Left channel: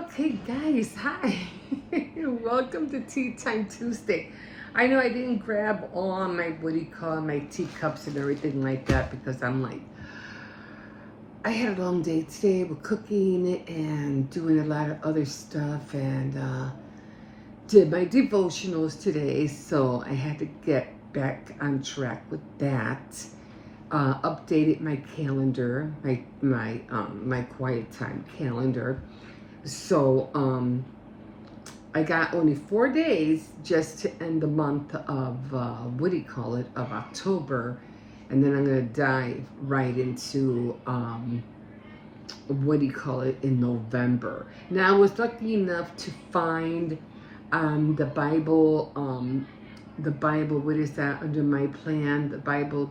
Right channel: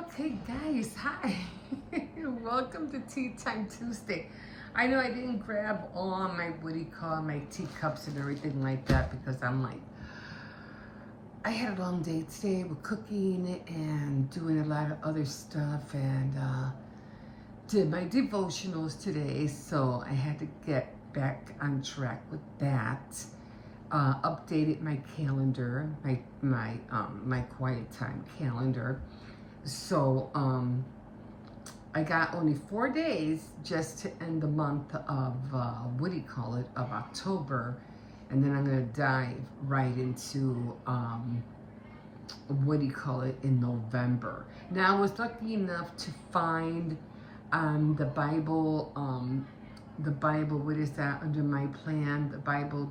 Okay, guys, hi. Welcome to Tea Time Tuesday. I know I didn't grab all my, what do you call it, my teacups and everything like that because I had a long day today with cooking and doing a lot of other stuff and did my devotionals today, so I had to get back on track with that. Updated my calendar, my quiet time calendar. So I got only 4 days just to end the month of what do you call it, of October, and then I'm gonna dive right into what do you call it, in November. Now I was lucky enough to find the Bible. What is that under my plan? The Bible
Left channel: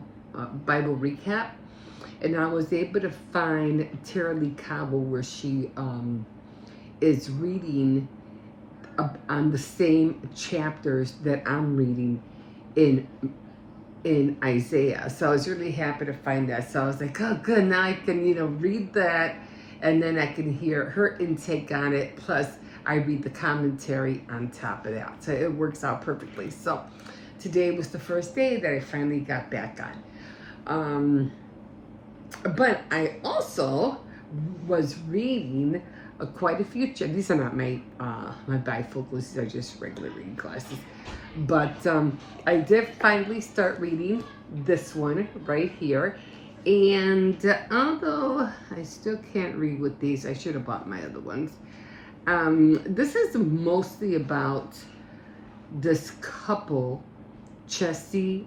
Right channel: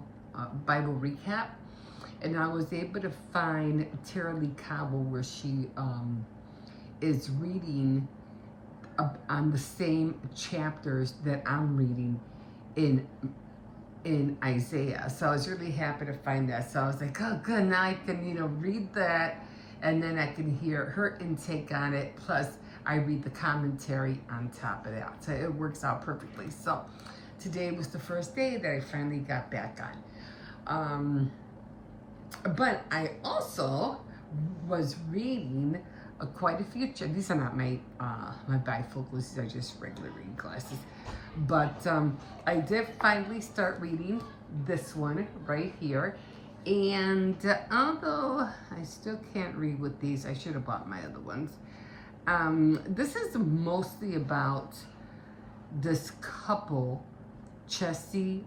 recap, and I was able to find Tara Lee Cobble where she is reading on the same chapters that I'm reading in Isaiah. So I was really happy to find that. So I was like, oh, good. Now I can read that, and then I can hear her intake on it. Plus, I read the commentary on top of that. So it works out perfectly. So today was the first day that I finally got back on. But I also was reading quite a few. These are not my bifocals; these are just regular reading glasses. But I did finally start reading this one right here, and although I still can't read with these, I should have bought my other ones. This is mostly about this couple, Chessie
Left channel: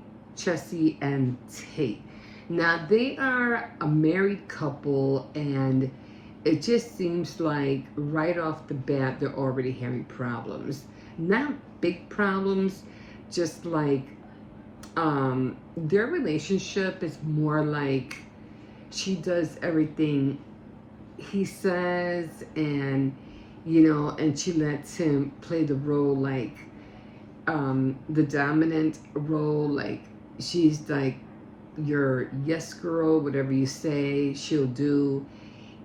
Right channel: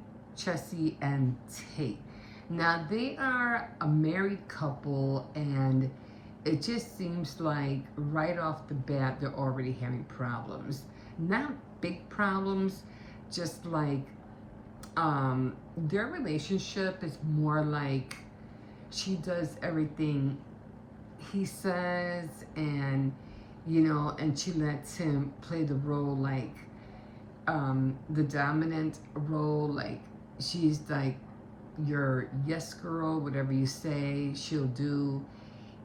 and Tate. Now they are a married couple, and it just seems like right off the bat they're already having problems. Not big problems, just like their relationship is more like she does everything he says, and and she lets him play the role, like the dominant role, like she's like your yes girl, whatever you say she'll do.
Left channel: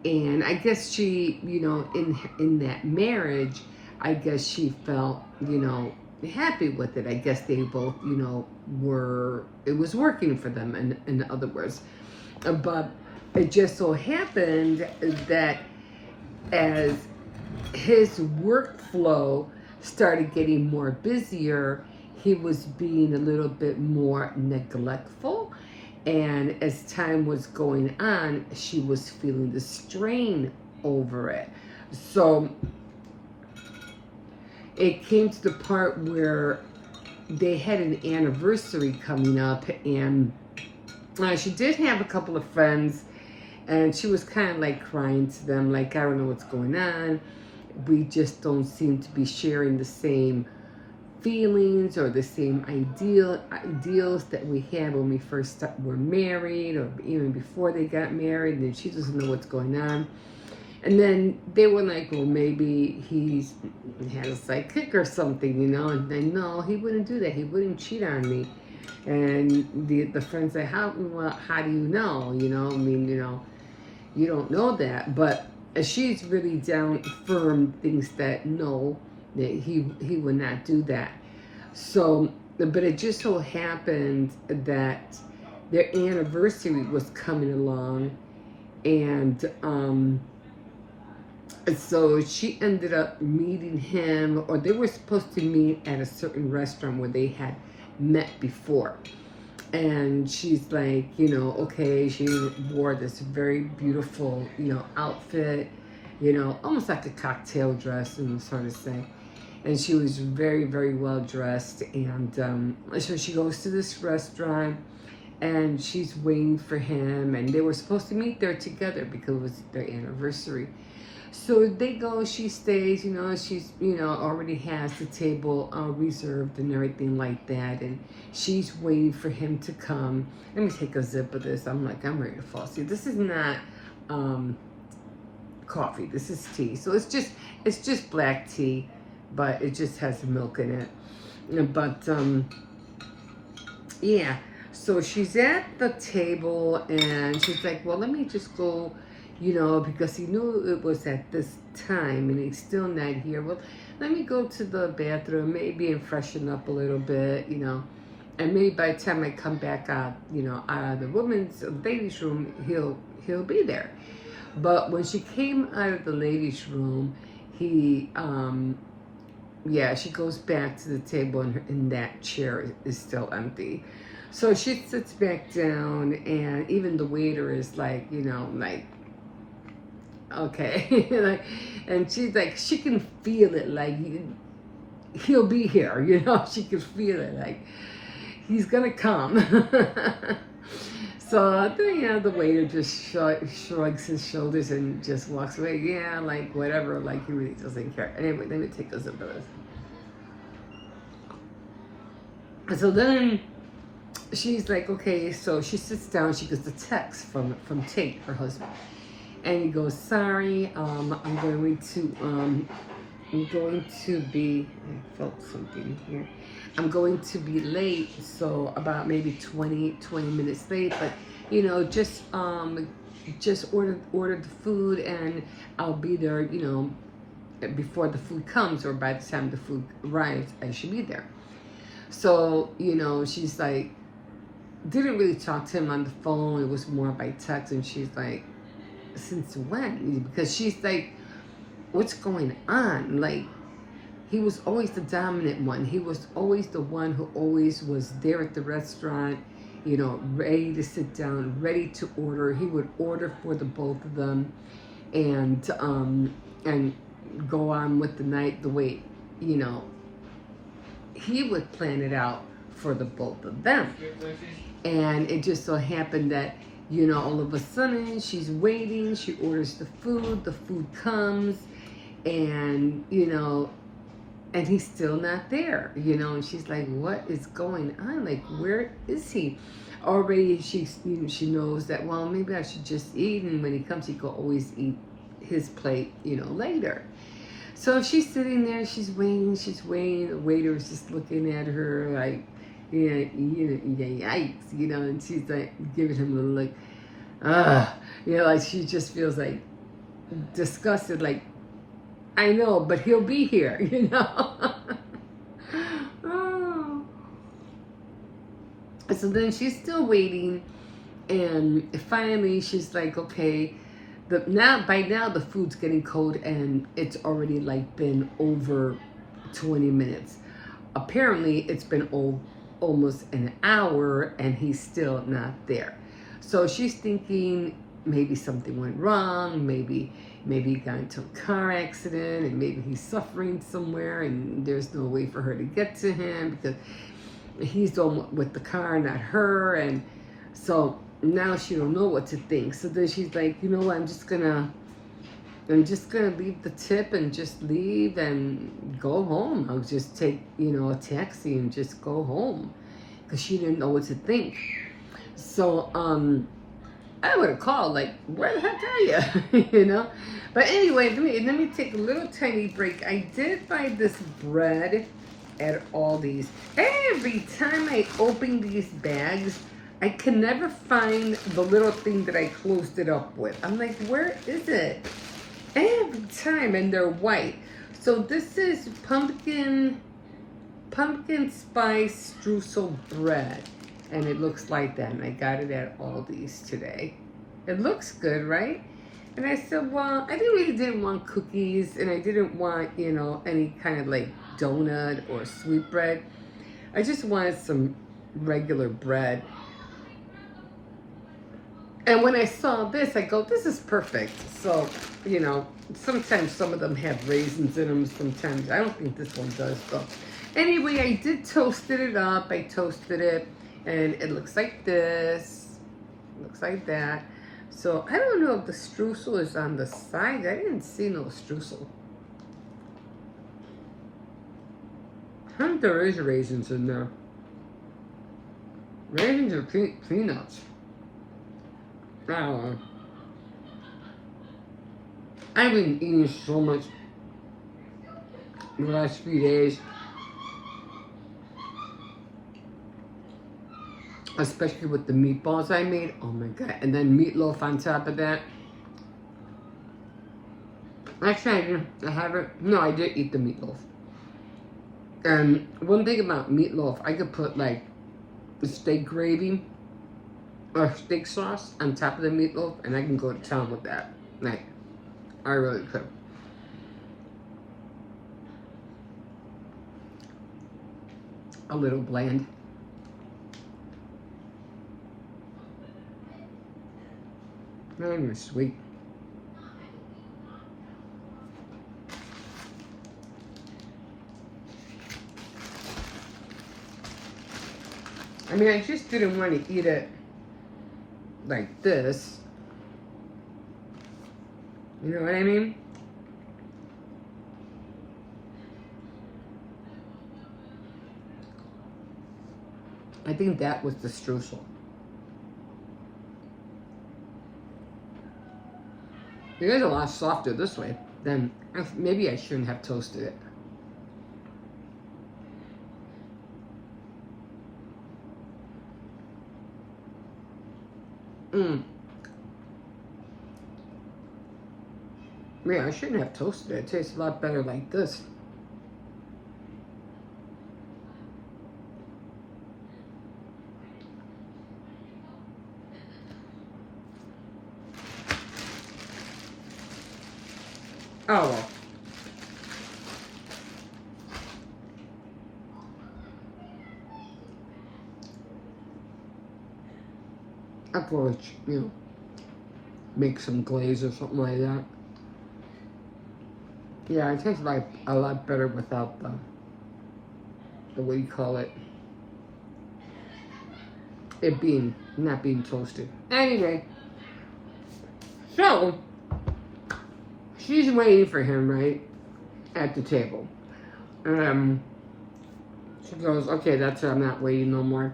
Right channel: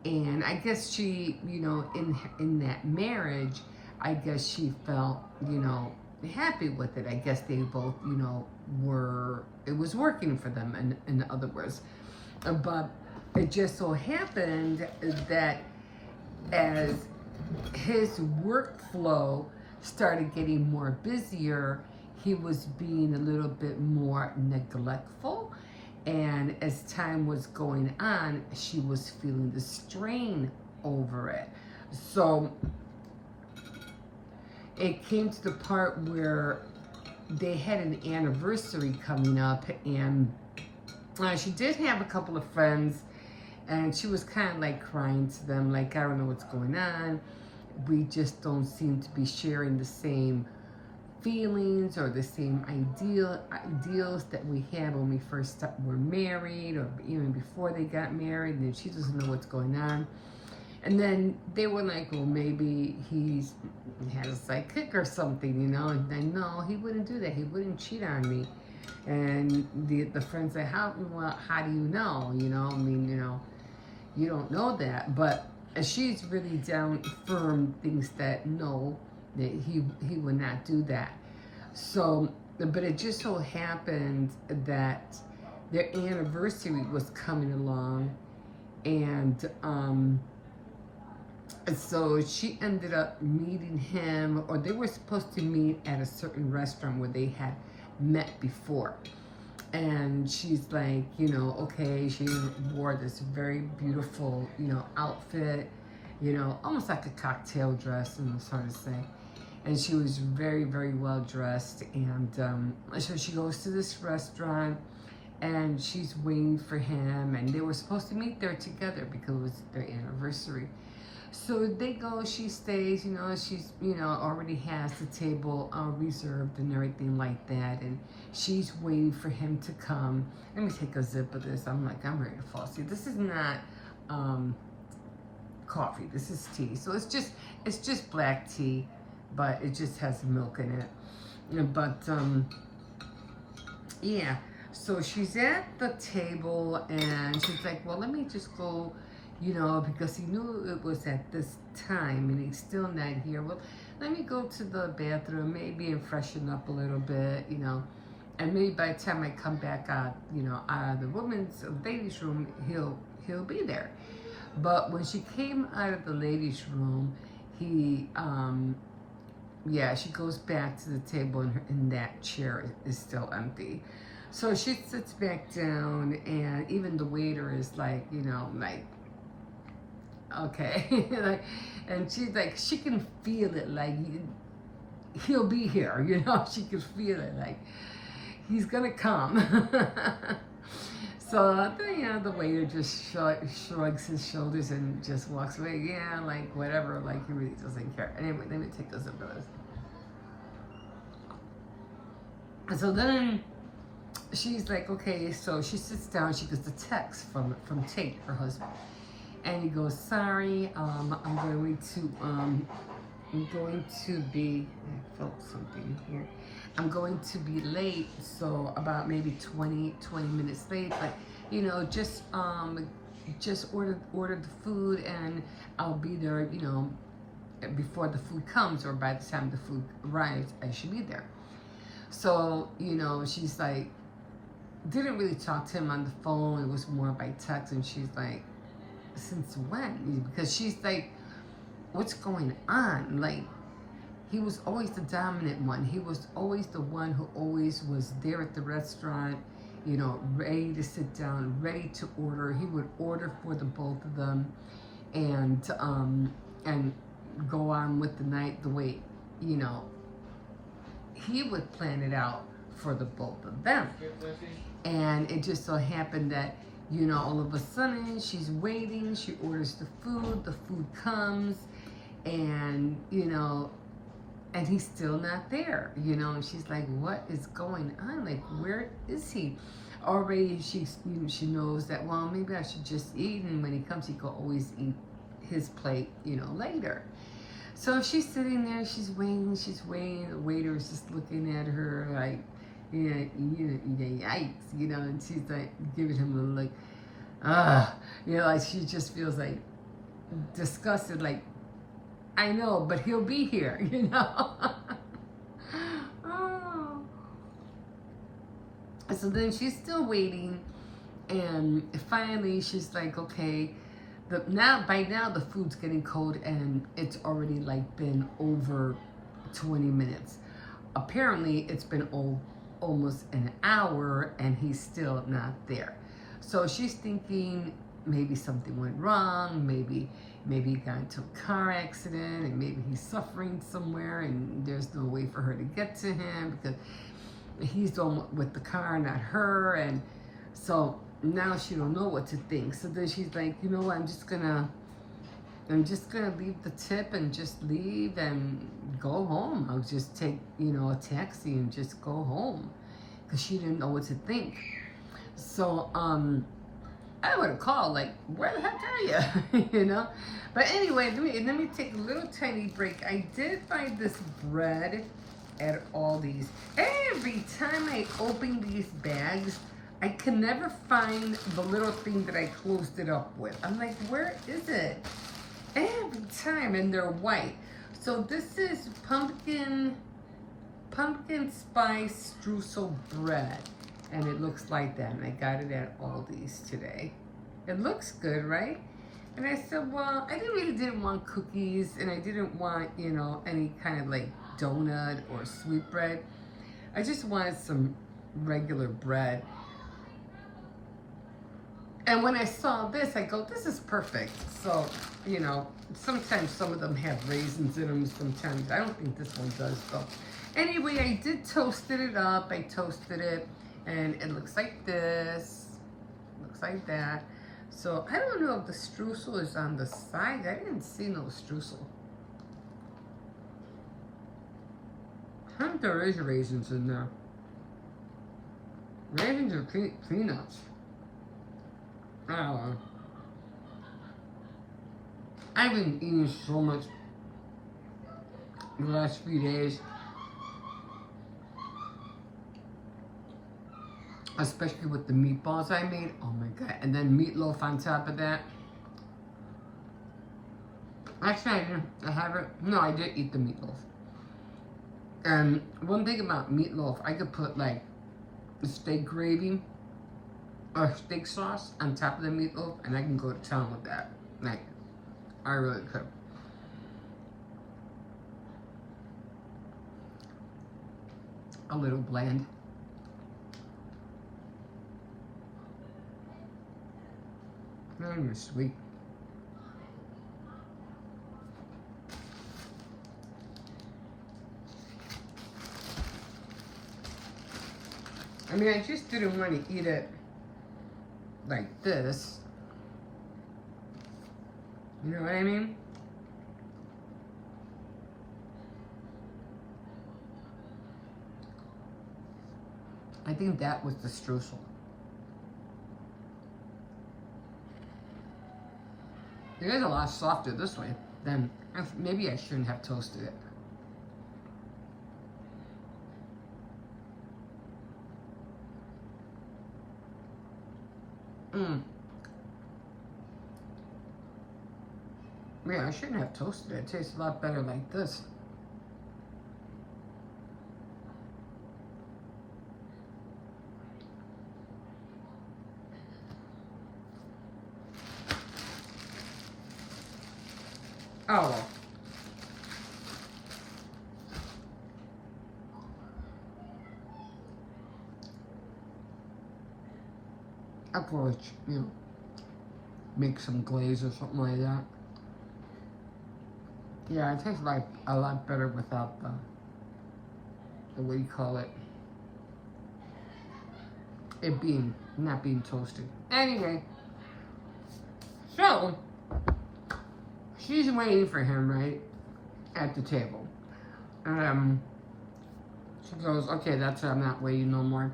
And I guess she, in that marriage, I guess she felt, happy with it. I guess they both, it was working for them, in other words. But it just so happened that as his workflow started getting more busier, he was being a little bit more neglectful. And as time was going on, she was feeling the strain over it. So it came to the part where they had an anniversary coming up, and she did have a couple of friends, and she was kind of like crying to them, like, I don't know what's going on. We just don't seem to be sharing the same feelings or the same ideals that we had when we first were married, or even before they got married. And she doesn't know what's going on. And then they were like, well, maybe he had a sidekick or something, and then, no, he wouldn't do that. He wouldn't cheat on me. And the friends say, how do you know? You don't know that. But she's really down firm, thinks that no, that he would not do that. So, but it just so happened that their anniversary was coming along, and so she ended up meeting him, or they were supposed to meet at a certain restaurant where they had met before. And she's like, okay, she wore this very beautiful, outfit, almost like a cocktail dress, sort of thing. And she was very, very well dressed. And so she goes to this restaurant, and she's waiting for him. And they were supposed to meet there together because it was their anniversary. So they go, she stays, she's, already has the table reserved and everything like that. And she's waiting for him to come. Let me take a sip of this. I'm ready to fall asleep. This is not coffee. This is tea. So it's just black tea, but it just has milk in it. But yeah. So she's at the table, and she's like, well, let me just go, you know, because he knew it was at this time and he's still not here. Well, let me go to the bathroom, maybe, and freshen up a little bit, you know. And maybe by the time I come back out, you know, out of the ladies' room, he'll be there. But when she came out of the ladies' room, he, yeah, she goes back to the table and that chair is still empty. So she sits back down, and even the waiter is like, you know, like, okay. Like, and she's like, she can feel it, like, he'll be here, you know, she can feel it, like, he's gonna come. So, you know, the waiter just shrugs his shoulders and just walks away. Yeah, like, whatever, like, he really doesn't care. Anyway, let me take a sip of this. So then she's like, okay, so she sits down, she gets a text from Tate, her husband. And he goes, sorry, I'm going to be, I felt something here. I'm going to be late, so about maybe 20 minutes late, but, you know, just ordered the food, and I'll be there, you know, before the food comes, or by the time the food arrives, I should be there. So, you know, she's like, didn't really talk to him on the phone. It was more by text, and she's like, since when? Because she's like, what's going on? Like, he was always the dominant one. He was always the one who always was there at the restaurant, you know, ready to sit down, ready to order. He would order for the both of them, and go on with the night the way, you know, he would plan it out for the both of them. And it just so happened that, you know, all of a sudden she's waiting, she orders the food comes, and, you know, and he's still not there, you know, and she's like, what is going on? Like, where is he? Already you know, she knows that, well, maybe I should just eat, and when he comes, he can always eat his plate, you know, later. So she's sitting there, she's waiting, the waiter is just looking at her like, yeah, yikes, you know, and she's like giving him a little like, you know, like she just feels like disgusted, like, I know, but he'll be here, you know. Oh. So then she's still waiting, and finally she's like, okay, by now the food's getting cold, and it's already like been over 20 minutes. Apparently it's been almost an hour, and he's still not there. So she's thinking maybe something went wrong, maybe he got into a car accident, and maybe he's suffering somewhere, and there's no way for her to get to him because he's the one with the car, not her. And so now she don't know what to think. So then she's like, you know what, I'm just gonna leave the tip and just leave and go home. I'll just take, you know, a taxi and just go home, because she didn't know what to think. So I would have called, like, where the heck are you? You know? But anyway, let me take a little tiny break. I did buy this bread at Aldi's. Every time I open these bags, I can never find the little thing that I closed it up with. I'm like, where is it? Every time, and they're white. So this is pumpkin spice streusel bread, and it looks like that, and I got it at Aldi's today. It looks good, right? And I said, well, I didn't want cookies, and I didn't want, you know, any kind of like donut or sweet bread. I just wanted some regular bread. And when I saw this, I go, this is perfect. So, you know, sometimes some of them have raisins in them. Sometimes, I don't think this one does, though. Anyway, I did toasted it up. I toasted it, and it looks like this. Looks like that. So, I don't know if the streusel is on the side. I didn't see no streusel. I think there is raisins in there. Raisins or peanuts. I don't know. I've been eating so much the last few days. Especially with the meatballs I made. Oh my God. And then meatloaf on top of that. Actually, I haven't. No, I did eat the meatloaf. And one thing about meatloaf, I could put like steak gravy or steak sauce on top of the meatloaf, and I can go to town with that. Like, I really could. A little bland. Not even sweet. I mean, I just didn't want to eat it like this. You know what I mean? I think that was the streusel. It is a lot softer this way. Then maybe I shouldn't have toasted it. Yeah, I shouldn't have toasted it. It tastes a lot better like this. Oh well. I could, you know, make some glaze or something like that. Yeah, it tastes like a lot better without the what do you call it? It being not being toasted. Anyway, so she's waiting for him right at the table. She goes, okay, that's it. I'm not waiting no more.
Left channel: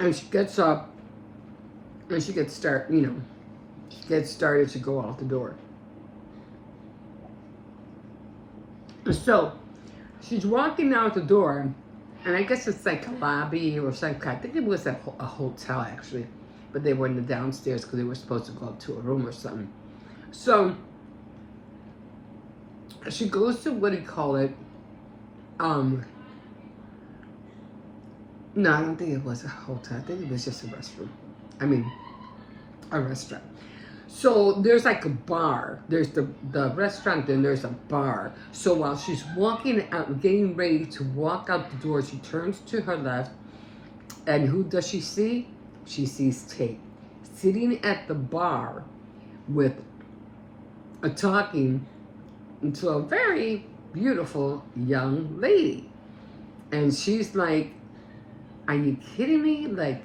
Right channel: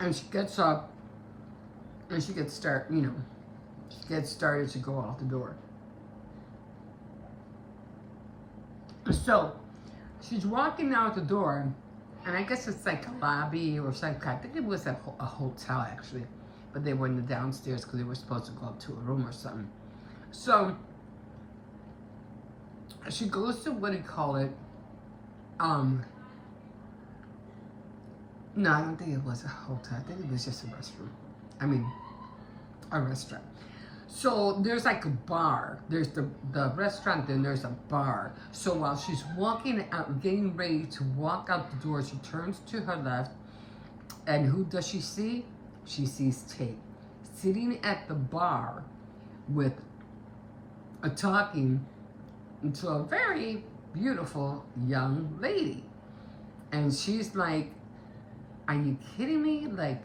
And she gets up and she gets started to go out the door. So she's walking out the door, and I guess it's like a lobby or some kind. I think it was a hotel actually, but they were in the downstairs because they were supposed to go up to a room or something. So she goes to what do you call it? No, I don't think it was a hotel. I think it was just a restroom. I mean, a restaurant. So there's like a bar. There's the restaurant, then there's a bar. So while she's walking out, getting ready to walk out the door, she turns to her left, and who does she see? She sees Tate sitting at the bar with talking to a very beautiful young lady. And she's like, are you kidding me? Like,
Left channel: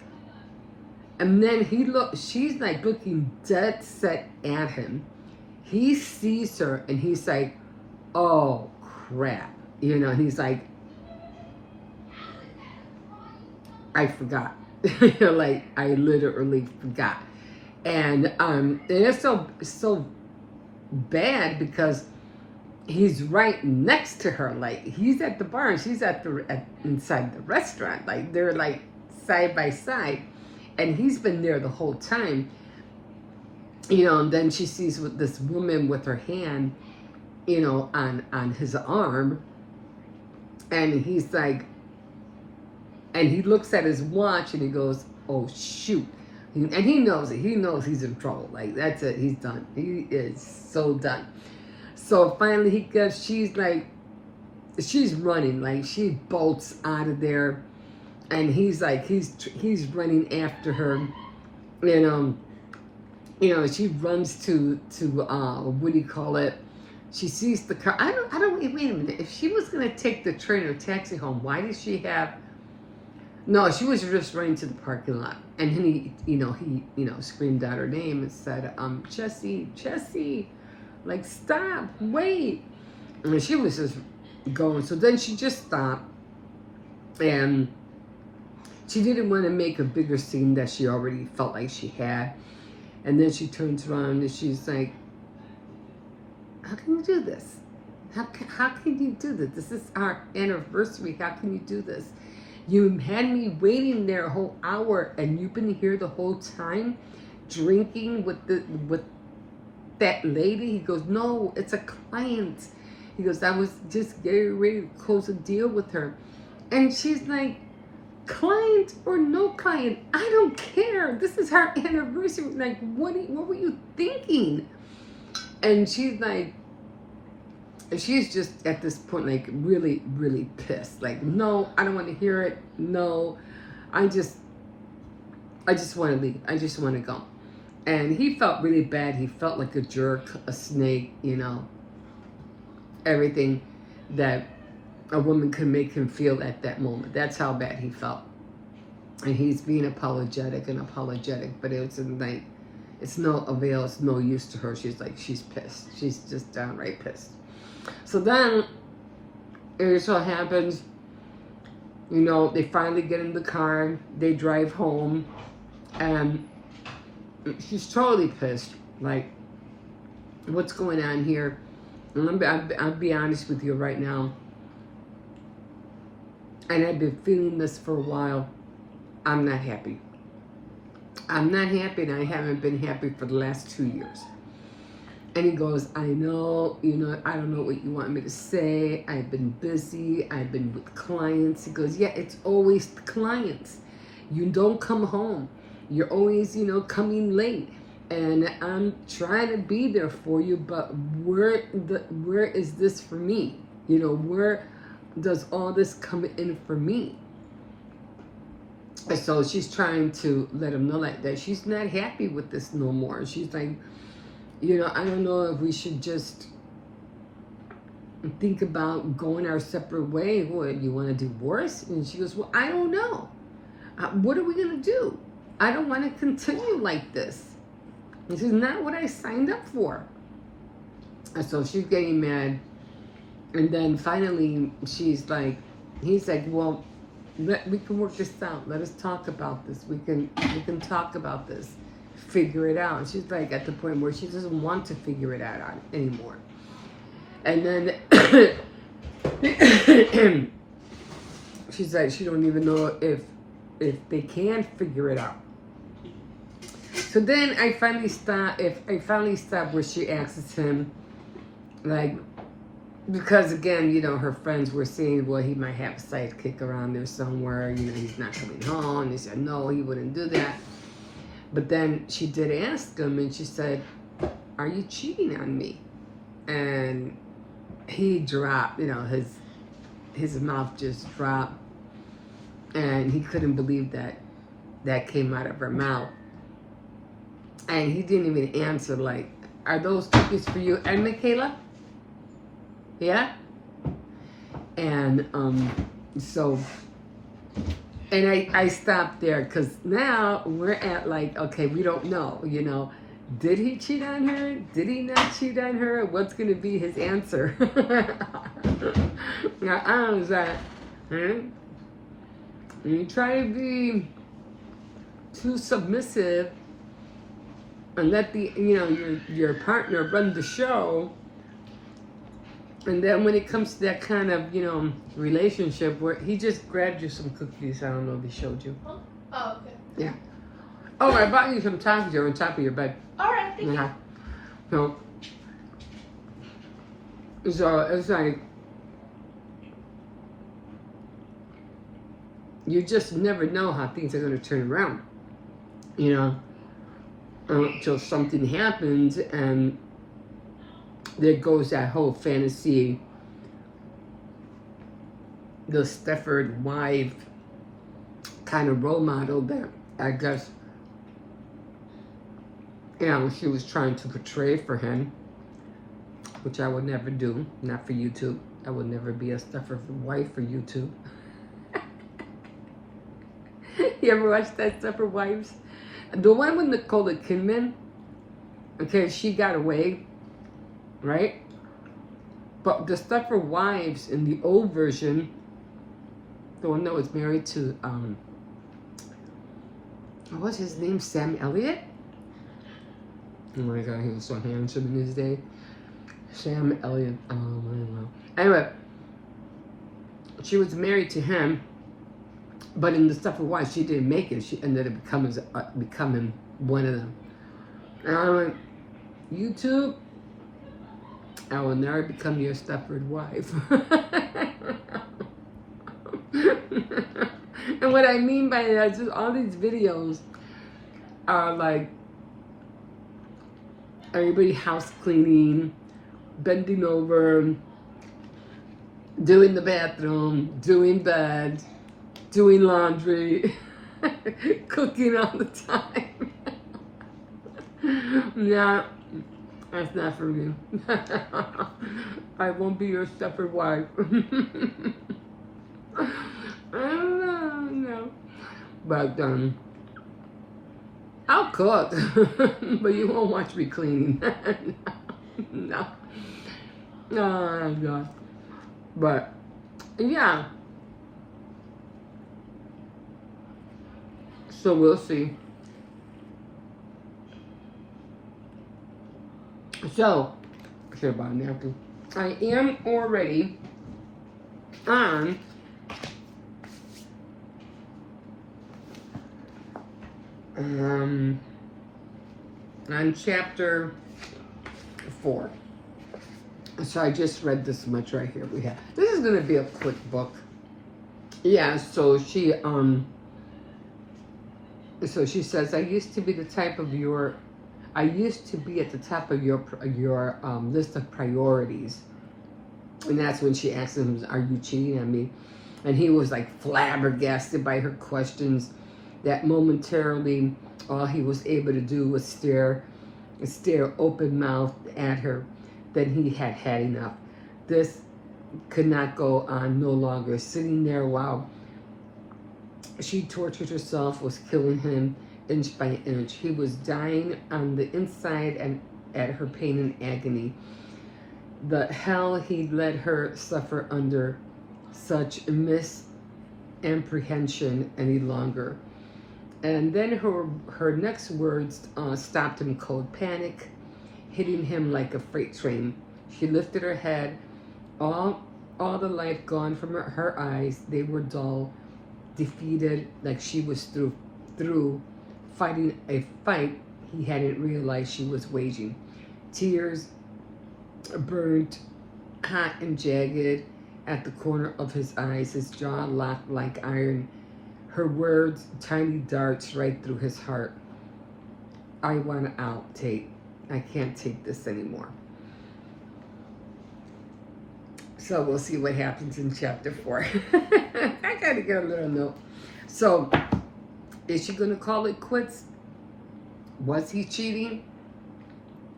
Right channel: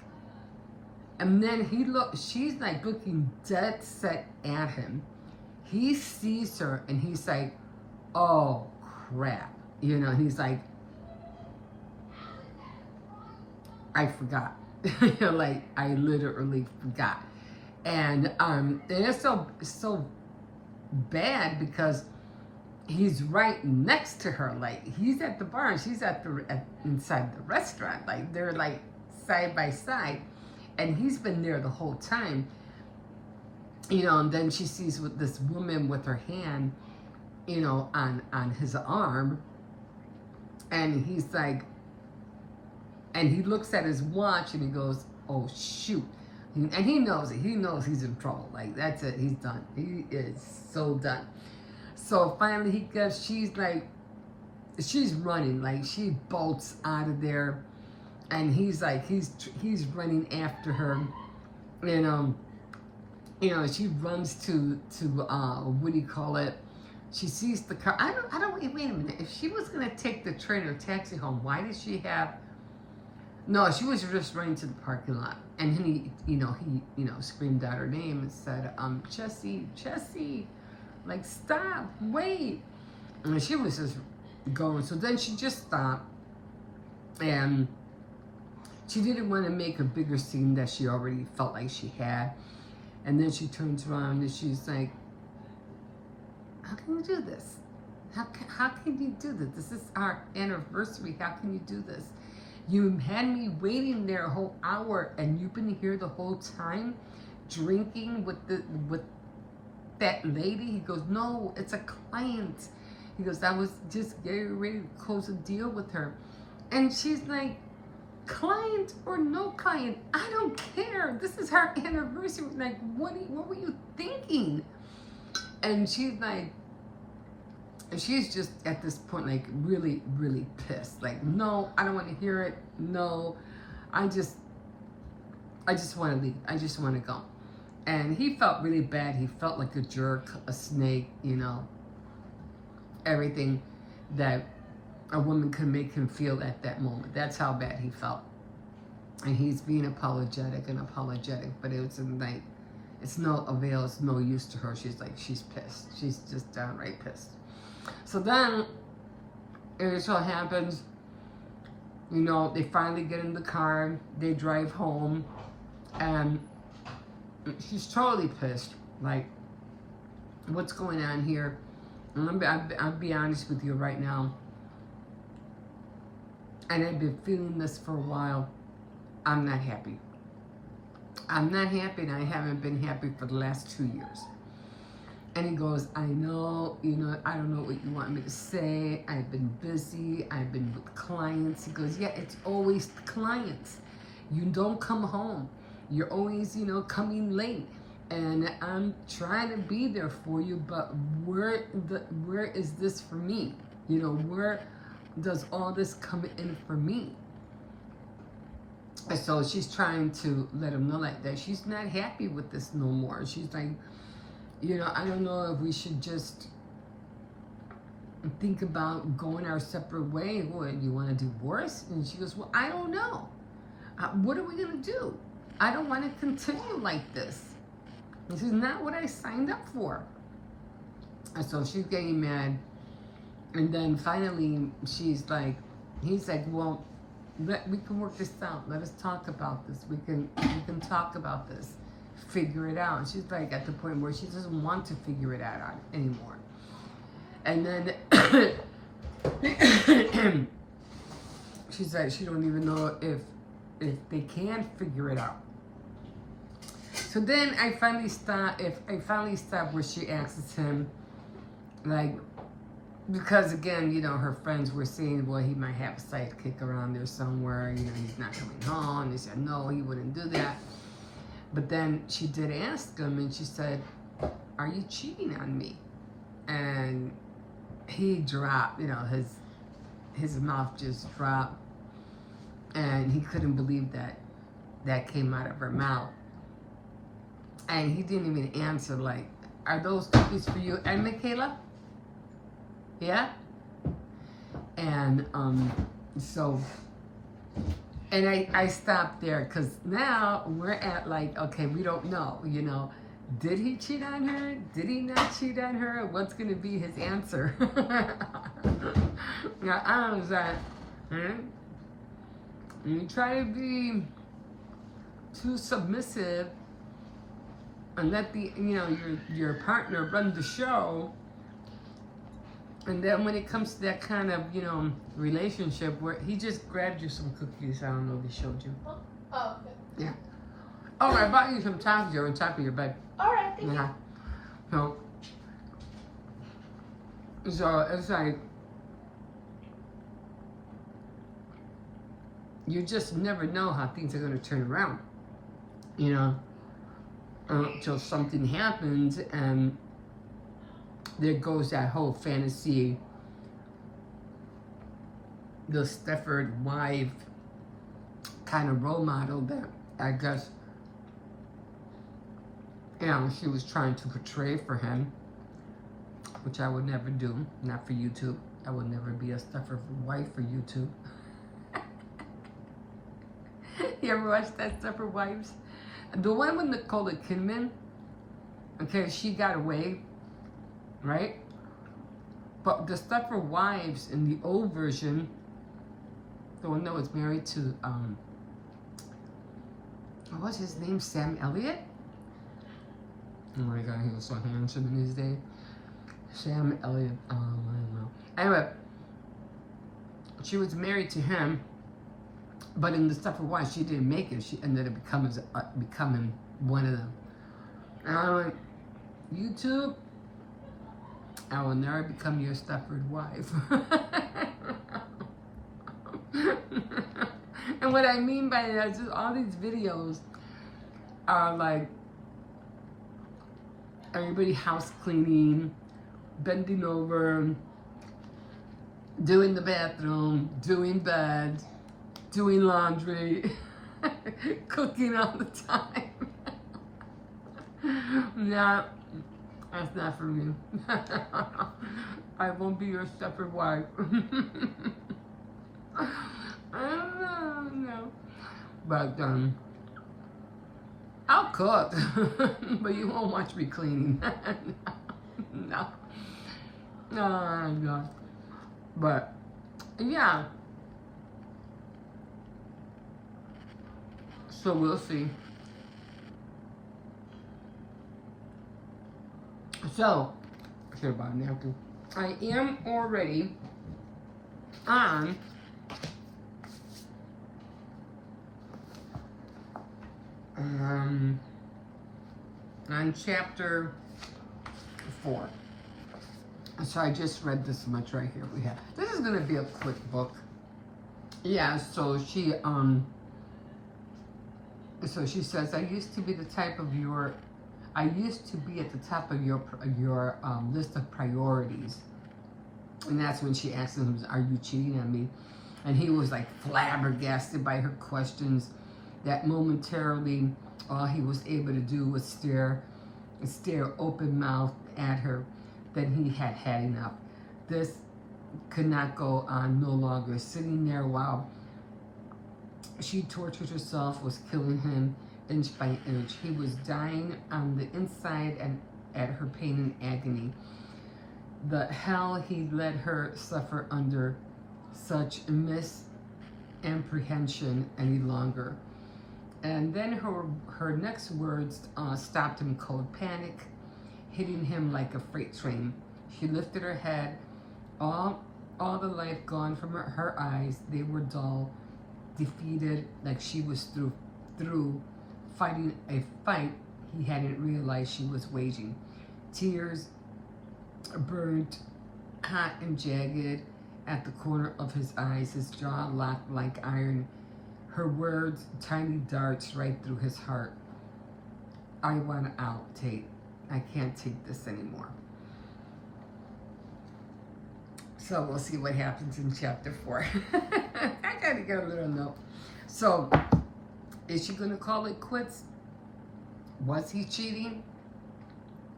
and then she's like looking dead set at him. He sees her and he's like, oh crap. You know, and he's like, I forgot. Like, I literally forgot. And it's so bad because he's right next to her. Like, he's at the bar and she's inside the restaurant. Like, they're like side by side. And he's been there the whole time, you know, and then she sees with this woman with her hand, you know, on his arm, and he's like, and he looks at his watch and he goes, oh shoot. And he knows it. He knows he's in trouble. Like, that's it. He's done. He is so done. So finally she's running. Like, she bolts out of there. And he's like, he's running after her, and she runs to what do you call it? She sees the car. I don't wait a minute. If she was gonna take the train or taxi home, why did she have? No, she was just running to the parking lot, and then he screamed out her name and said, Jessie, like, stop, wait. And she was just going. So then she just stopped, and she didn't want to make a bigger scene that she already felt like she had. And then she turns around and she's like, how can you do this? How can you do this? This is our anniversary. How can you do this? You had me waiting there a whole hour and you've been here the whole time drinking with that lady? He goes, no, it's a client. He goes, I was just getting ready to close a deal with her. And she's like, client or no client, I don't care. This is her anniversary. Like, what were you thinking? And she's like, she's just at this point, like, really, really pissed. Like, no, I don't want to hear it. No, I just want to leave. I just want to go. And he felt really bad. He felt like a jerk, a snake, you know, everything that a woman could make him feel at that moment. That's how bad he felt. And he's being apologetic, but it's like, it's no avail, it's no use to her. She's like, she's pissed. She's just downright pissed. So then, it so happens, you know, they finally get in the car, they drive home, and she's totally pissed. Like, what's going on here? And I'll be honest with you right now. And I've been feeling this for a while. I'm not happy. I'm not happy, and I haven't been happy for the last 2 years. And he goes, I know, you know, I don't know what you want me to say. I've been busy. I've been with clients. He goes, yeah, it's always the clients. You don't come home. You're always, you know, coming late. And I'm trying to be there for you, but where is this for me? You know, where does all this come in for me? And so she's trying to let him know like that she's not happy with this no more. She's like, you know, I don't know if we should just think about going our separate way. What, you want to divorce? And she goes, well, I don't know. What are we going to do? I don't want to continue like this. This is not what I signed up for. And so she's getting mad. And then finally she's like, he's like, well, we can work this out. Let us talk about this. We can talk about this. Figure it out. And she's like at the point where she doesn't want to figure it out anymore. And then she's like, she don't even know if they can figure it out. So then I finally stop where she asks him, like, because again, you know, her friends were saying, well, he might have a sidekick around there somewhere, you know, he's not coming home. They said, no, he wouldn't do that. But then she did ask him, and she said, are you cheating on me? And he dropped, you know, his mouth just dropped, and he couldn't believe that came out of her mouth. And he didn't even answer, like, are those cookies for you and Michaela? Yeah? And so, and I stopped there, because now we're at like, okay, we don't know, you know, did he cheat on her? Did he not cheat on her? What's going to be his answer? Now, I was like, you try to be too submissive and let the, you know, your partner run the show. And then when it comes to that kind of, you know, relationship where he just grabbed you some cookies, I don't know if he showed you. Oh, okay. Yeah. Oh, I bought you some tacos on top of your bed. All right, thank you. So it's like, you just never know how things are going to turn around, you know, until something happens, and there goes that whole fantasy, the Stepford wife kind of role model that I guess, you know, she was trying to portray for him, which I would never do, not for YouTube. I would never be a Stepford wife for YouTube. You ever watch that Stepford Wives? The one with Nicole Kidman, okay, she got away, right? But the Stepford Wives in the old version, the one that was married to, what was his name? Sam Elliott? Oh my God, he was so handsome in his day. Sam Elliott. Oh my God. Anyway, she was married to him, but in the Stepford Wives, she didn't make it. She ended up becoming one of them. And I'm like, YouTube, I will never become your Stepford wife. And what I mean by that is just all these videos are like everybody house cleaning, bending over, doing the bathroom, doing bed, doing laundry, cooking all the time. Yeah, that's not for me. I won't be your Stepford wife. I don't know. But I'll cook, but you won't watch me cleaning. No. Oh God. But yeah. So we'll see. So I should have bought a napkin. I am already on chapter 4. So I just read this much right here. This is gonna be a quick book. Yeah, so she says, I used to be at the top of your list of priorities. And that's when she asked him, are you cheating on me? And he was like flabbergasted by her questions, that momentarily all he was able to do was stare open-mouthed at her. Then he had had enough. This could not go on no longer. Sitting there while she tortured herself was killing him inch by inch. He was dying on the inside and at her pain and agony. The hell he let her suffer under such misapprehension any longer. And then her next words stopped him cold. Panic hitting him like a freight train. She lifted her head. All the life gone from her eyes. They were dull, defeated, like she was through fighting a fight he hadn't realized she was waging. Tears burned hot and jagged at the corner of his eyes, his jaw locked like iron. Her words, tiny darts right through his heart. I want out, Tate. I can't take this anymore. So we'll see what happens in chapter 4. I gotta get a little note. So, is she gonna call it quits? Was he cheating?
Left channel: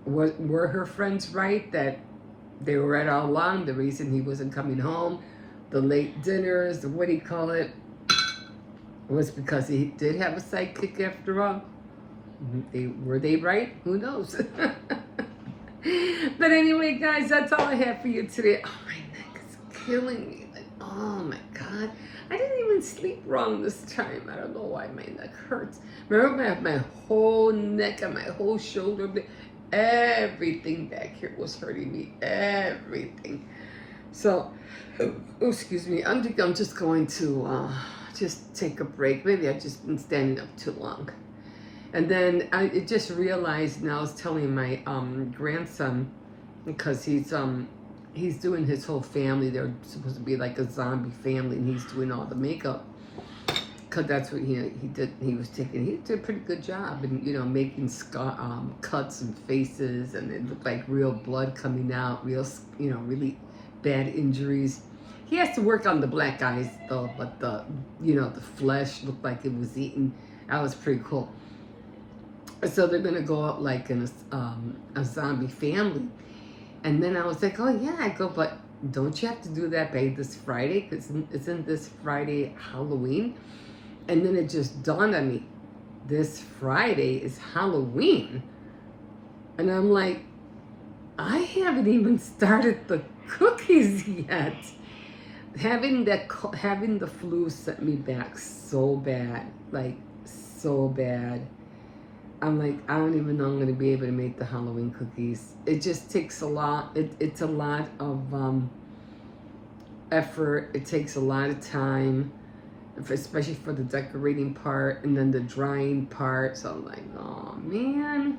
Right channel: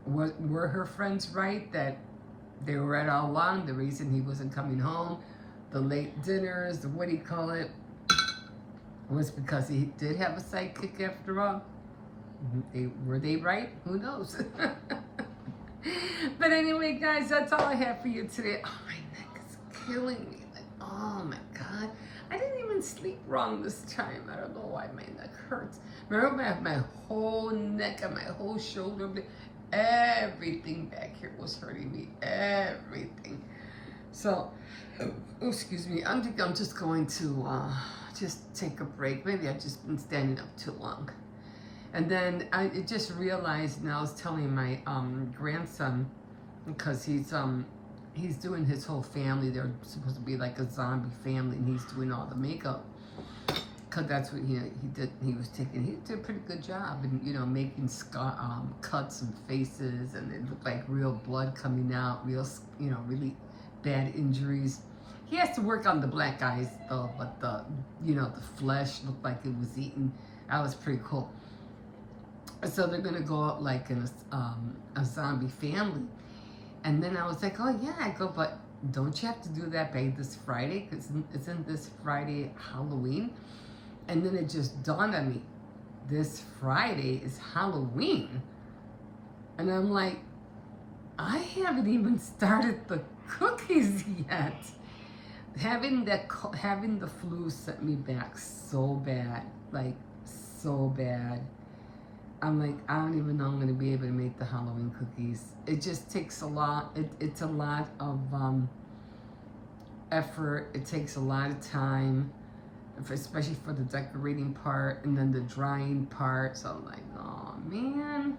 Were her friends right that they were right all along? The reason he wasn't coming home, the late dinners, what do you call it, was because he did have a sidekick after all. Were they right? Who knows? But anyway, guys, that's all I have for you today. Oh, my neck is killing me. Like, oh my God. I didn't even sleep wrong this time. I don't know why my neck hurts. Remember, my whole neck and my whole shoulder, everything back here was hurting me. Everything. So, excuse me. I'm just going to just take a break. Maybe I've just been standing up too long. And then I just realized, and I was telling my grandson, because he's doing his whole family. They're supposed to be like a zombie family, and he's doing all the makeup. Cause that's what he did. He did a pretty good job, and making cuts and faces, and it looked like real blood coming out, really bad injuries. He has to work on the black eyes though, but the flesh looked like it was eaten. That was pretty cool. So they're gonna go out like in a zombie family, and then I was like, oh yeah, I go, but don't you have to do that by this Friday? Because isn't this Friday Halloween? And then it just dawned on me, this Friday is Halloween, and I'm like, I haven't even started the cookies yet. Having the flu sent me back so bad, like so bad. I'm like, I don't even know I'm going to be able to make the Halloween cookies. It just takes a lot. It's a lot of effort. It takes a lot of time, especially for the decorating part and then the drying part. So I'm like, oh man.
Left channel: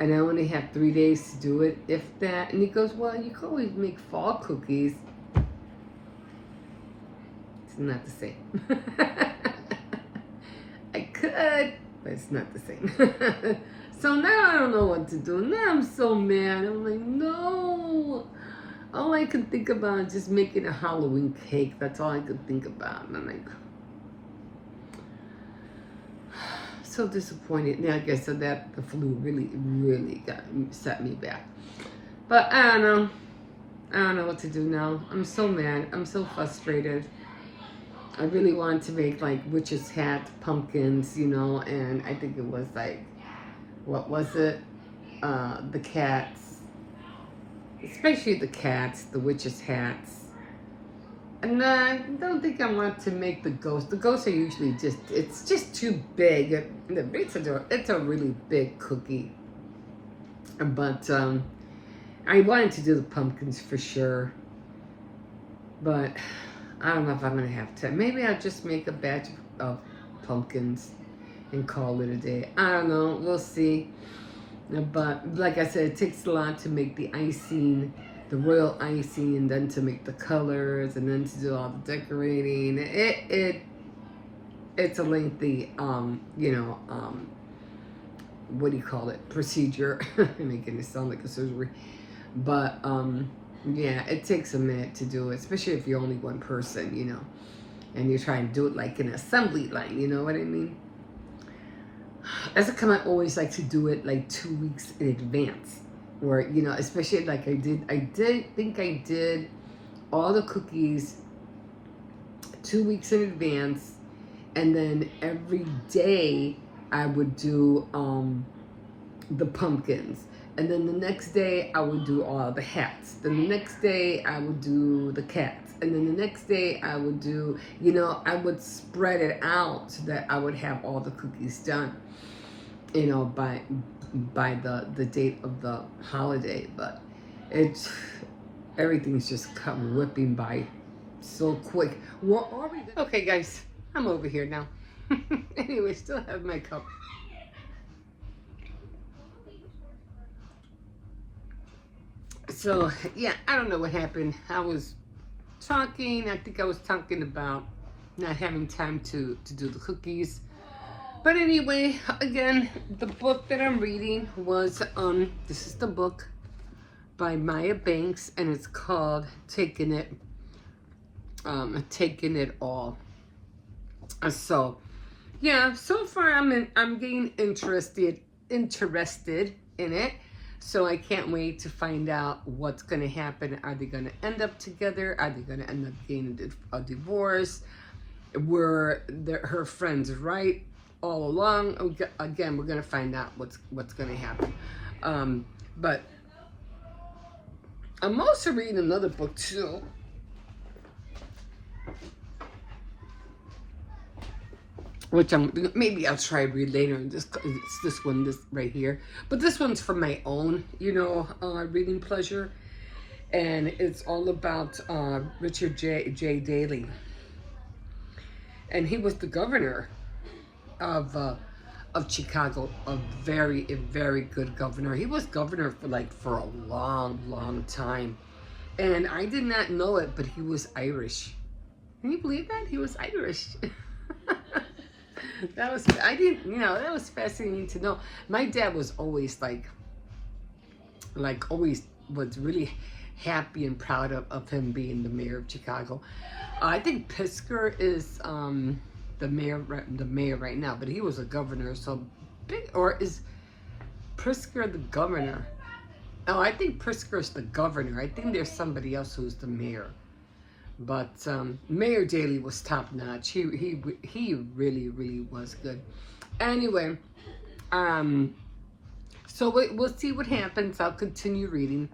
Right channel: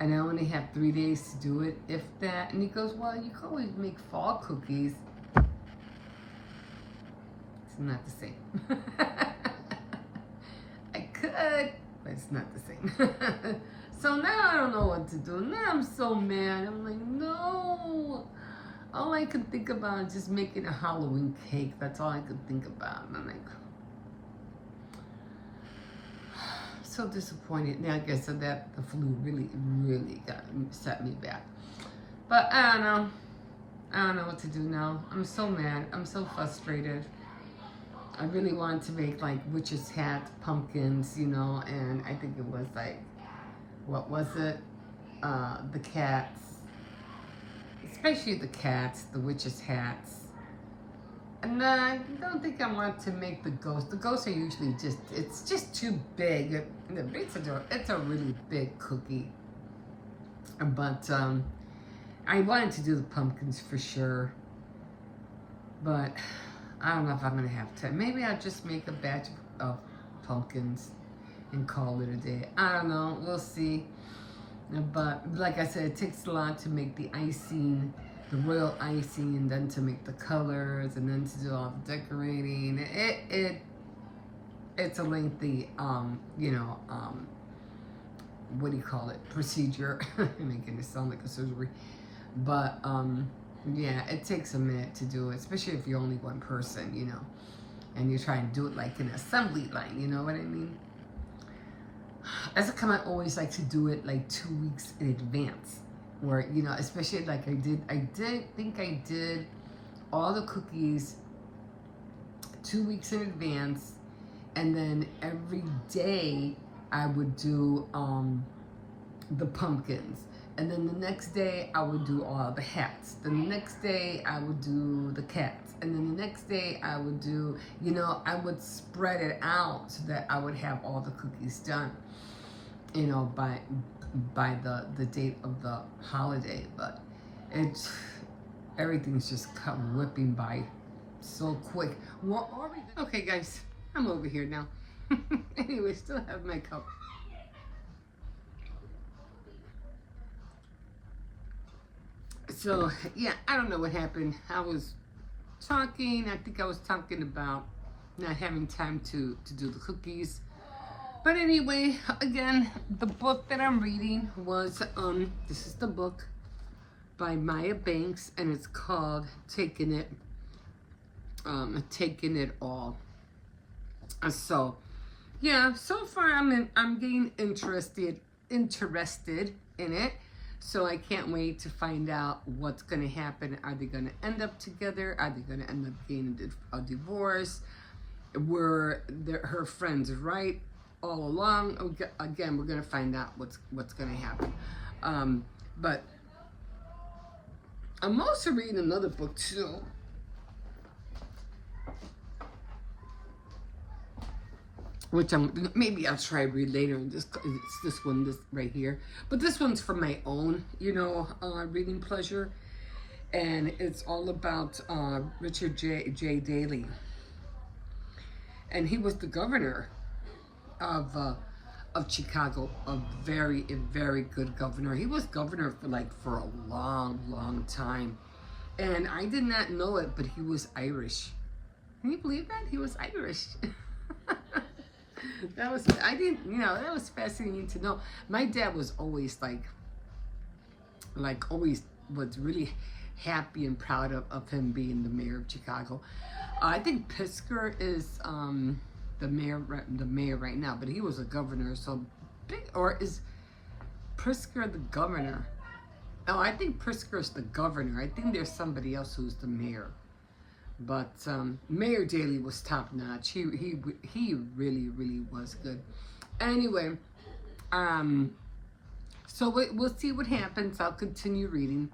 and I only have 3 days to do it, if that. And he goes, well, you can always make fall cookies. It's not the same. I could, but it's not the same. So now I don't know what to do. Now I'm so mad. I'm like, no. All I can think about is just making a Halloween cake. That's all I could think about. And I'm like, so disappointed. Now, like I said, that the flu really set me back. But I don't know. I don't know what to do now. I'm so mad. I'm so frustrated. I really wanted to make like witch's hat, pumpkins, you know, and I think it was like, what was it? The cats. Especially the cats, the witch's hats. And I don't think I want to make the ghosts. The ghosts are usually it's just too big. It's a really big cookie. But I wanted to do the pumpkins for sure. But I don't know if I'm going to have time. Maybe I'll just make a batch of pumpkins and call it a day. I don't know. We'll see. But like I said, it takes a lot to make the icing, the royal icing, and then to make the colors, and then to do all the decorating. It's a lengthy, what do you call it? Procedure. I'm making it sound like a surgery. But yeah, it takes a minute to do it, especially if you're only one person, you know, and you're trying to do it like an assembly line. You know what I mean? As a come, I always like to do it like 2 weeks in advance, or you know, especially like I did all the cookies 2 weeks in advance, and then every day I would do the pumpkins, and then the next day I would do all the hats, then the next day I would do the cats, and then the next day I would do, you know, I would spread it out so that I would have all the cookies done, you know, by the date of the holiday. But everything's just come whipping by so quick. Okay, guys, I'm over here now. Anyway, still have my cup. So yeah, I don't know what happened. I was talking. I think I was talking about not having time to do the cookies. But anyway, again, the book that I'm reading was, this is the book by Maya Banks, and it's called Taking It All. So, yeah, so far I'm getting interested in it. So I can't wait to find out what's going to happen. Are they going to end up together? Are they going to end up getting a divorce? Were her friends right all along? Again, we're going to find out what's going to happen. But I'm also reading another book too. Which maybe I'll try to read later. It's this one right here. But this one's for my own, you know, reading pleasure. And it's all about Richard J. Daley. And he was the governor of Chicago, a very good governor. He was governor for a long time. And I did not know it, but he was Irish. Can you believe that? He was Irish. That was fascinating to know. My dad was always always was really happy and proud of him being the mayor of Chicago. I think Pritzker is the mayor right now, but he was a governor. So or is Pritzker the governor? Oh, I think Pritzker's the governor. I think there's somebody else who's the mayor. But Mayor Daley was top notch. He really was good. Anyway, so we'll see what happens. I'll continue reading.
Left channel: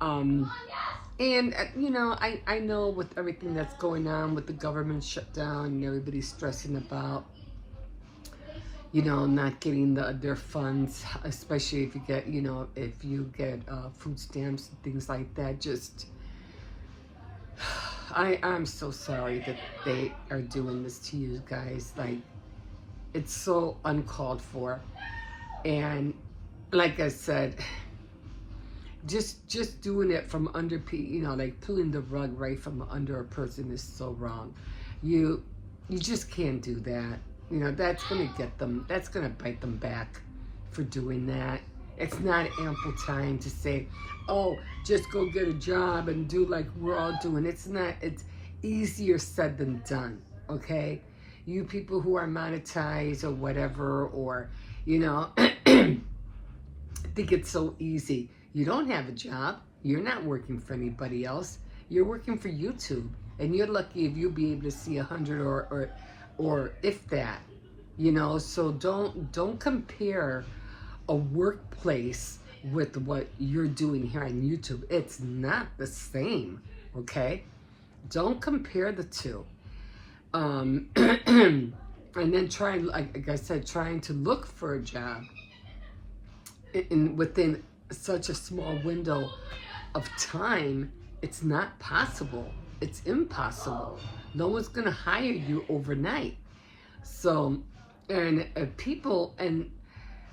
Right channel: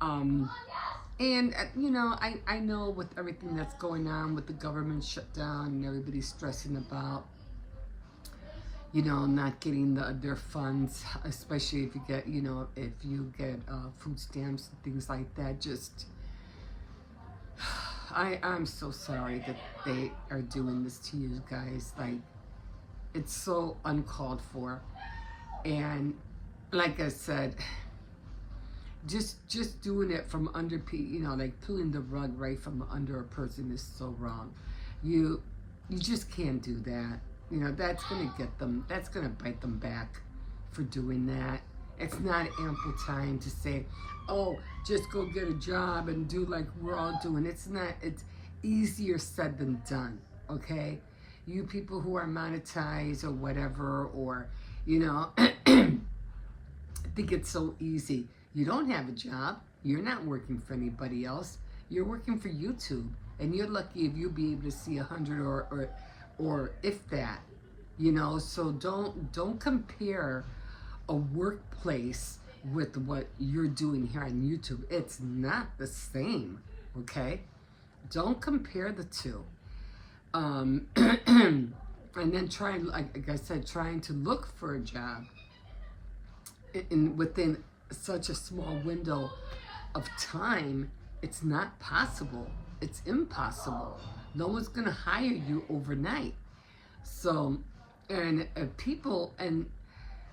And you know, I know with everything that's going on with the government shutdown and everybody's stressing about, you know, not getting their funds, especially if you get food stamps and things like that. Just I'm so sorry that they are doing this to you guys. Like, it's so uncalled for. And like I said, just doing it from under, like pulling the rug right from under a person is so wrong. You just can't do that. That's gonna get them. That's gonna bite them back for doing that. It's not ample time to say, oh, just go get a job and do like we're all doing. It's not. It's easier said than done. Okay, you people who are monetized or whatever, or think it's so easy. You don't have a job. You're not working for anybody else. You're working for YouTube, and you're lucky if you'll be able to see 100 or if that. So don't compare a workplace with what you're doing here on YouTube. It's not the same. Okay, don't compare the two. And then like I said, trying to look for a job within such a small window of time, it's not possible. It's impossible. No one's gonna hire you overnight. So, and people, and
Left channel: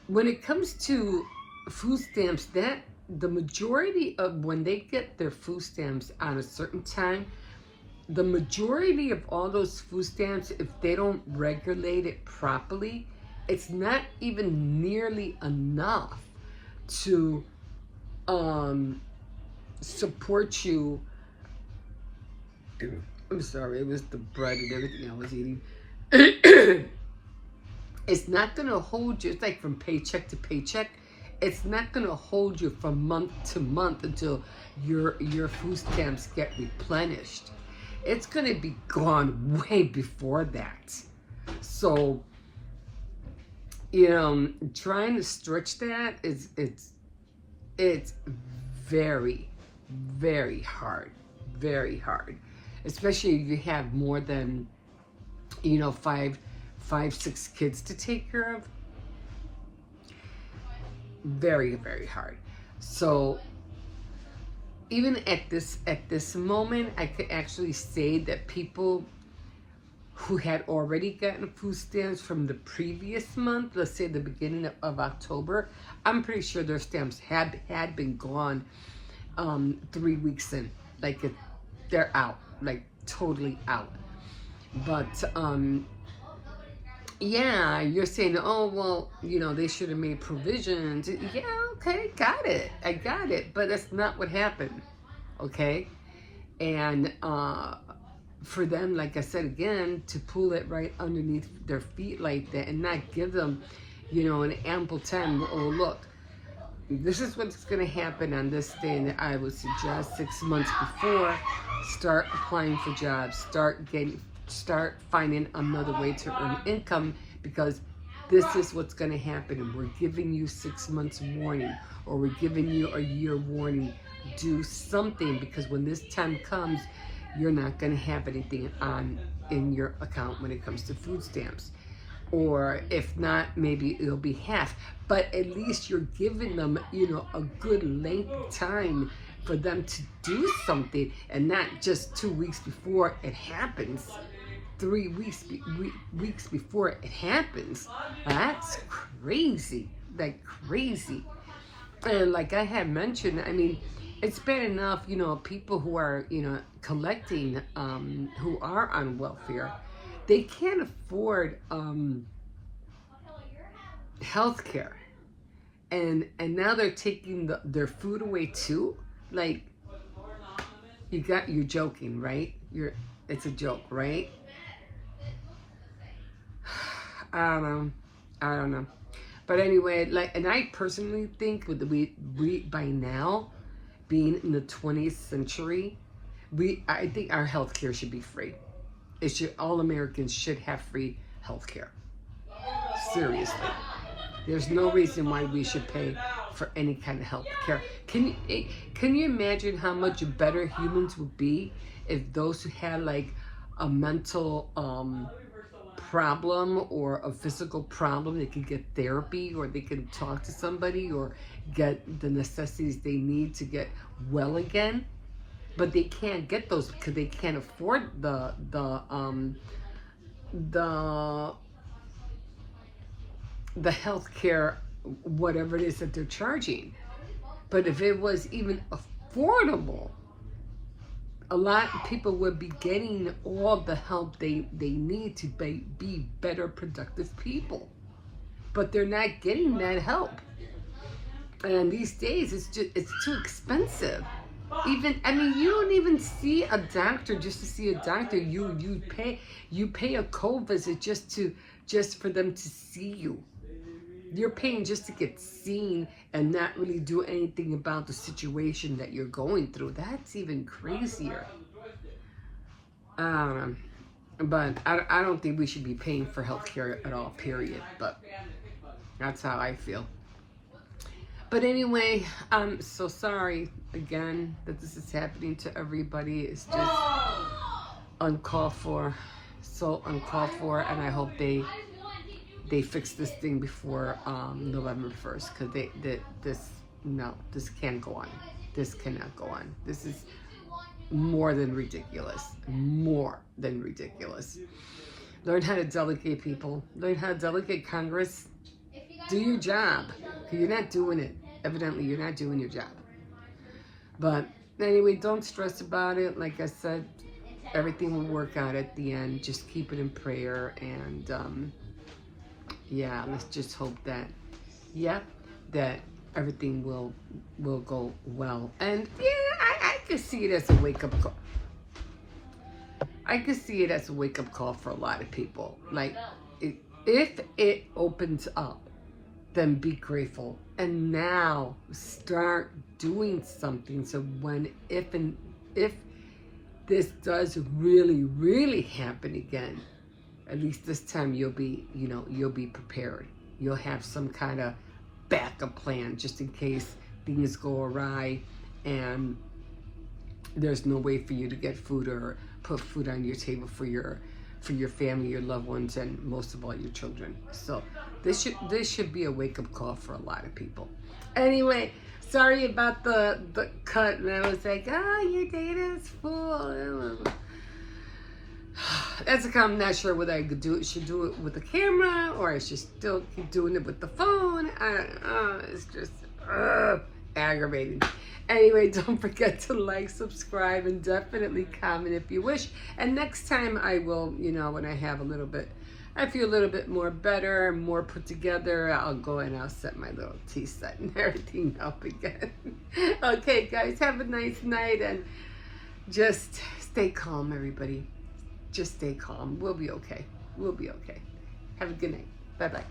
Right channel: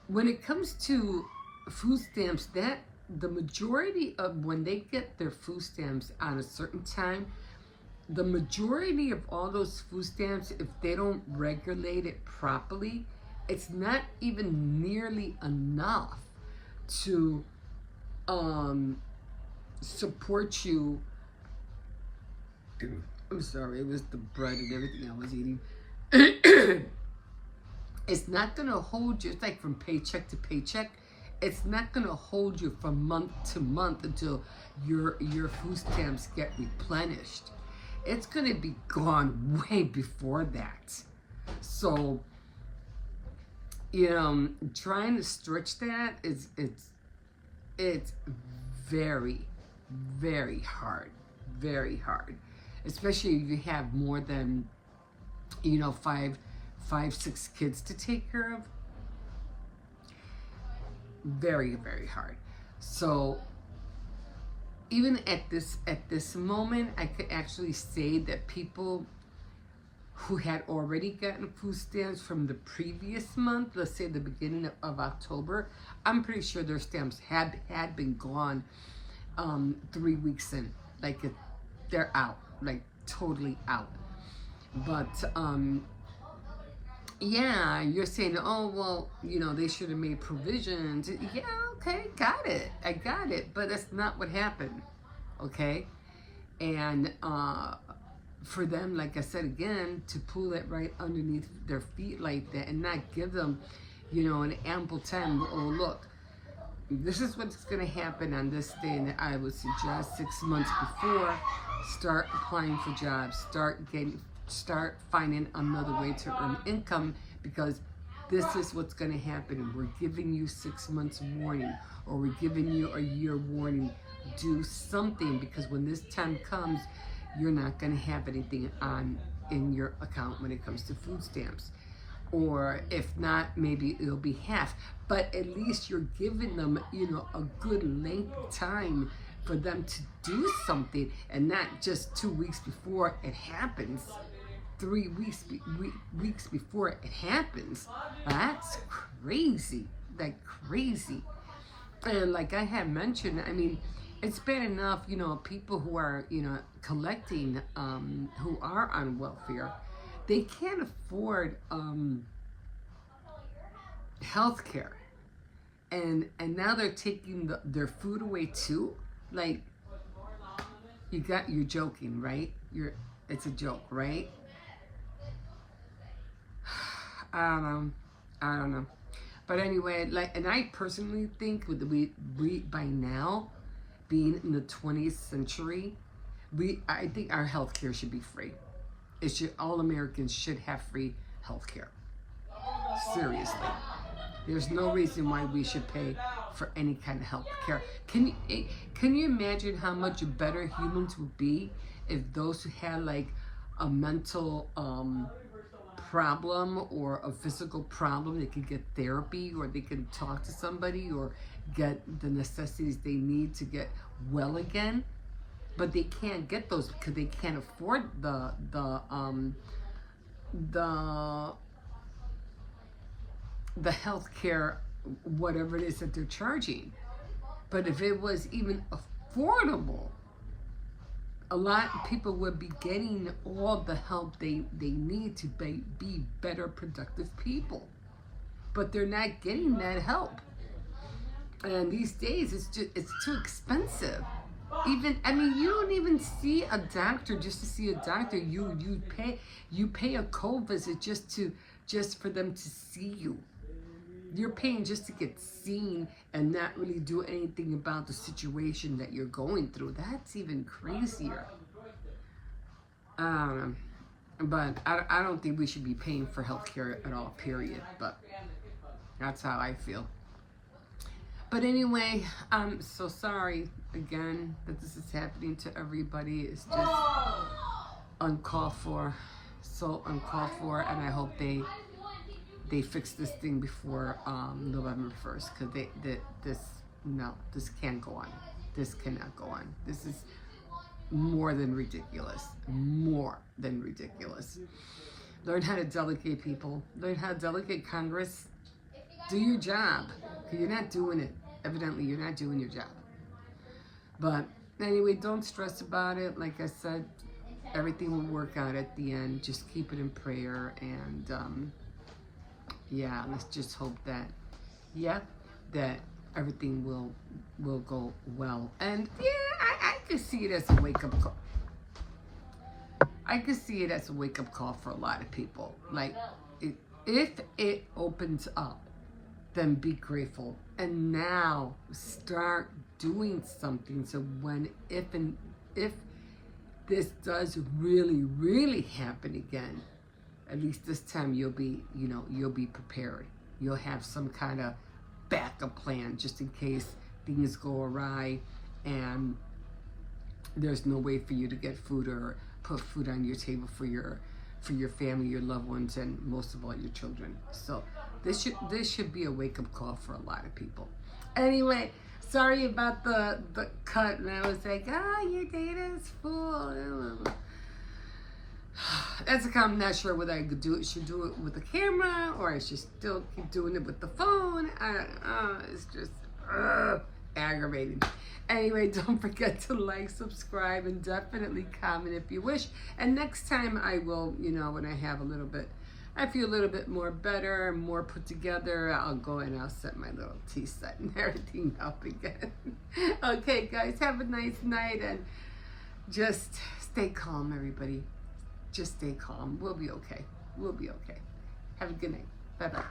when it comes to food stamps, that the majority of when they get their food stamps on a certain time, the majority of all those food stamps, if they don't regulate it properly, it's not even nearly enough to support you. I'm sorry, it was the bread and everything I was eating. It's not gonna hold you. It's like from paycheck to paycheck. It's not gonna hold you from month to month until your food stamps get replenished. It's gonna be gone way before that. So, trying to stretch that it's very, very hard. Very hard. Especially if you have more than, 6 kids to take care of. Very, very hard. So even at this moment, I could actually say that people who had already gotten food stamps from the previous month, let's say the beginning of October, I'm pretty sure their stamps had been gone 3 weeks in. Like they're out, like totally out. But yeah, you're saying, oh well, they should have made provisions. Yeah, okay, got it. I got it. But that's not what happened. Okay? And for them, like I said again, to pull it right underneath their feet like that and not give them, an ample time. Oh, look, this is what's going to happen on this day, and I would suggest 6 months before, start applying for jobs, start finding another way to earn income, because this is what's going to happen, and we're giving you 6 months warning, or we're giving you a year warning. Do something, because when this time comes, you're not going to have anything in your account when it comes to food stamps. Or if not, maybe it'll be half. But at least you're giving them, a good length of time for them to do something, and not just 2 weeks before it happens, 3 weeks before it happens. That's crazy, like crazy. And like I had mentioned, I mean, it's bad enough, people who are, collecting, who are on welfare, they can't afford health care. And now they're taking their food away too. Like, you're joking, right? It's a joke, right? I don't know. But anyway, and I personally think we by now, being in the 20th century, I think our healthcare should be free. All Americans should have free healthcare. Seriously. There's no reason why we should pay for any kind of healthcare. Can you imagine how much better humans would be if those who had like a mental problem or a physical problem, they could get therapy, or they can talk to somebody, or get the necessities they need to get well again? But they can't get those because they can't afford the healthcare whatever it is that they're charging. But if it was even affordable, a lot of people would be getting all the help they need to be better productive people. But they're not getting that help. And these days it's too expensive. Even, I mean, you don't even see a doctor just to see a doctor. You pay a co-visit just for them to see you. You're paying just to get seen and not really do anything about the situation that you're going through. That's even crazier. But I don't think we should be paying for healthcare at all, period. But that's how I feel. But anyway, I'm so sorry again that this is happening to everybody. It's just uncalled for, so uncalled for, and I hope they fix this thing before November 1st, because this can't go on. This cannot go on. This is more than ridiculous. More than ridiculous. Learn how to delegate, people. Learn how to delegate, Congress. Do your job. You're not doing it. Evidently, you're not doing your job. But anyway, don't stress about it. Like I said, everything will work out at the end. Just keep it in prayer. And yeah, let's just hope that, that everything will go well. And yeah, I can see it as a wake-up call. I can see it as a wake-up call for a lot of people. Like, if it opens up, then be grateful. And now start doing something. So if this does really, really happen again, at least this time you'll be prepared. You'll have some kind of backup plan just in case things go awry and there's no way for you to get food or put food on your table for your family, your loved ones, and most of all your children. So this should be a wake-up call for a lot of people. Anyway, sorry about the cut, and I was like, your data is full. That's a I'm not sure whether I should do it with the camera or I should still keep doing it with the phone. I don't know. It's just aggravating. Anyway, don't forget to like, subscribe, and definitely comment if you wish. And next time I will, when I have I feel a little bit more better, more put together, I'll go and I'll set my little tea set and everything up again. Okay, guys, have a nice night and just stay calm, everybody. Just stay calm. We'll be okay. We'll be okay. Have a good night. Bye-bye.